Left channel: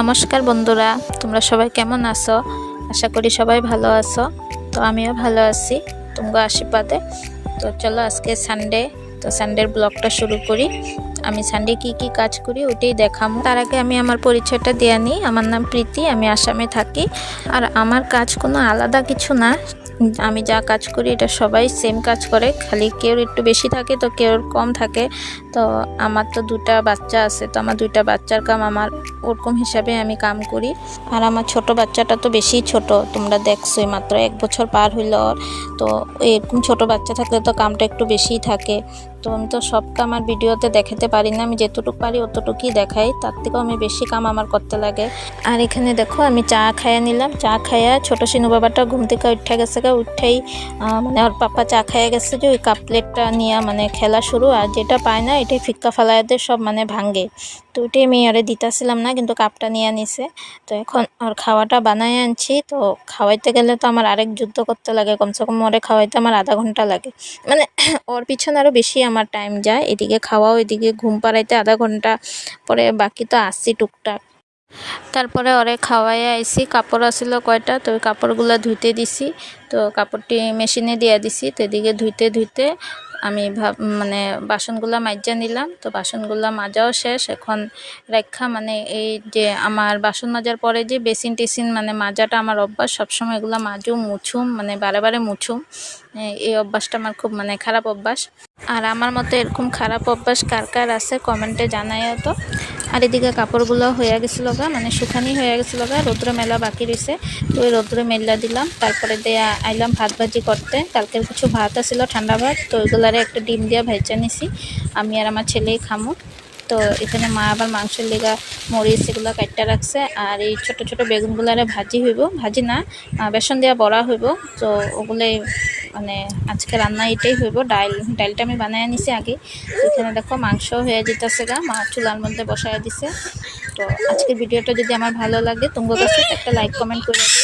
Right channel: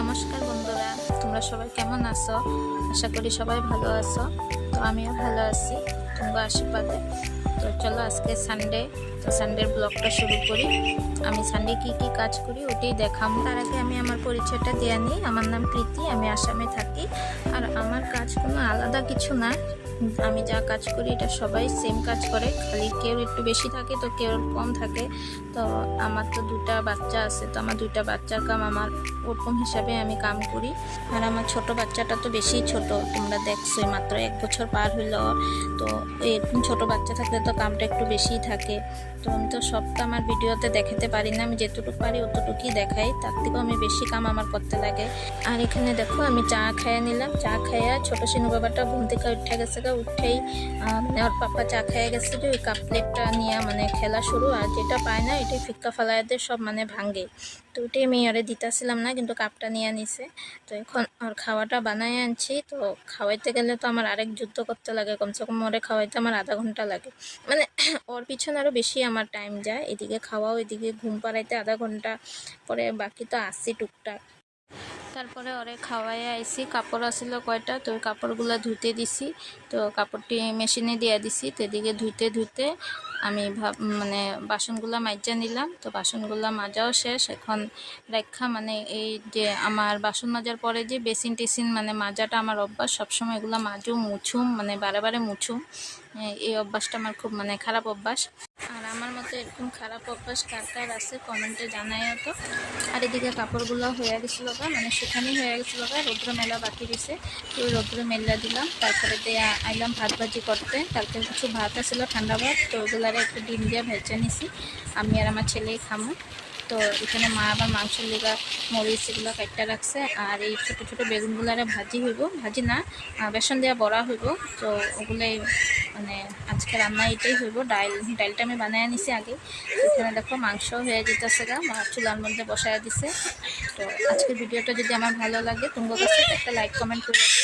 নমস্কার বন্ধুরা, তোমরা সবাই কেমন আছো? আশা করি সবাই ভালো আছো। তো আমিও ভালো আছি তোমার আশীর্বাদে। তো চলো আজকে সানডে, তো সানডের ব্লগটা শুরু করি। আমি সানডে কি কাজ করি ওটাই দেখাবো। তার আগে আমি আমার পরিচয়টা দিয়ে নিই। আমার নাম প্রীতি, আমি আসামে থাকি। আর আমার কাজ কোনো আলাদা কিছু না, আমি যা কাজ করি এটা সবাই সেম কাজ করে, খালি কেউ একটু বেশি থাকে তো কেউ কম থাকে। তো আমার তো দুটা বাচ্চা আছে, তো আমার দুইটা বাচ্চার কাম আমার ওরকম হিসাবে আমি কাম করি। আর আমার ছোট বাচ্চাটা তো বেশি ছোট, তোমরা দেখছোই, মাত্র 1 বছর পার হইল। তো এরকম ছোট বাচ্চা থাকলে তো কামটা একটু বেশিই থাকে। তো আমি তো সব কাম আমার ভিডিওতে দেখাতে পারি না, আমি যেতটুকু পারি অতটুকুই দেখাই, তার থেকেও আমি বেশি কাম আমার করতে লাগে। আর এখানে দেখো আমি চা খাইয়া নিলাম। চা খাইয়া ছোট সিনু বাবাটা ঘুম থেকে উঠে গেছে, উঠেই মানে ওর পাপা চা খাইয়া গেছে যে ওই কাপ প্লেটটা নিয়ে মানে খেলা শুরু। আর যেটা পায় না এটাই ফিক্কা ফালায়াদের সব মানে ভাঙ্গে। তো ওইটাই আমি আরে দিতেছিলাম না, কিন্তু কাপটা নিয়ে নিছে। তো এখন ওর খাওয়াটা বানাই আনছি। তো খাওয়াইতে গেলে তো আমার আরেক যুদ্ধ করতে লাগে, কমসে কম ওরে খাওয়াইতে আমার আধা ঘন্টা লাগে। মানে ওর পিছনে আরও বেশি আমার টাইম যায়, এদিকে খাওয়াও এদিকে ঘুম পাড়াইতে আধা ঘন্টা, পরে বাকি তো আসছি টুকটাক। তারপরে ওরে খাওয়াইয়া আইসি, কাপড় আসিল কয়টা, তো ওই কাপড়গুলো ধুইতে দিছি। তো কাপড়টি মেশিনে দিয়ে দিছি। তো এদিকে ধুইতে ধুইতে আমি মানে বাসনগুলো মাজা নিলাম। তো বাসনগুলো মাজাও শেষ। এখন রেখা মানে এই যে আমার বাসন মাজার পরে যে বেসিন টেসিন মানে মাজাটা আমার অভ্যাস, সবসময় এগুলো মাজুম মুছুম, মানে বারে বারে মুছুম। এই অভ্যাসটা আমার খুব মানে খারাপ অভ্যাস। আর আমার মতো এরকম খারাপ অভ্যাস কার কার আছে কমেন্টে জানাইও তো। আর এদিকে কাপড়গুলো হয়ে গেছিলো গা, মানে শুকানি হয়ে গেছিলো গা, রৌদ্রে মেলা বাকি রয়েছে। তো ওই রৌদ্রে মেলা দিলাম। তারপরে দিয়ে আইলাম ভাত ভাজি করতে। কালকের কিছু ভাত আছিল ঠান্ডা ভাত, তো ওইগুলারে একটা ডিম দিয়ে ভেজে নিছি, আমি আর আমার ছেলেই খামো। তো এখানে মা আবার মাংসের লেগা মরিচ এগুলো কাটটা রাখছে। আর এই ছোট ছোট বেগুনগুলারে ভাজি হইব, ভাজি না বেসন দেওয়া বড়া হইব। তো ওগুলোই মানে আজকে রান্না এটাই হইব। ডালটা আমি বানাই নিছি আগে। এখানে দেখো মাংস হয়ে যেতেছে গা, মা চুলার মধ্যে বসায় দিছে। তো আজকের ভিডিওটা যদি আমার ভালো লাগে তোমার কাছে একটা লাইক কমেন্ট করে দিও।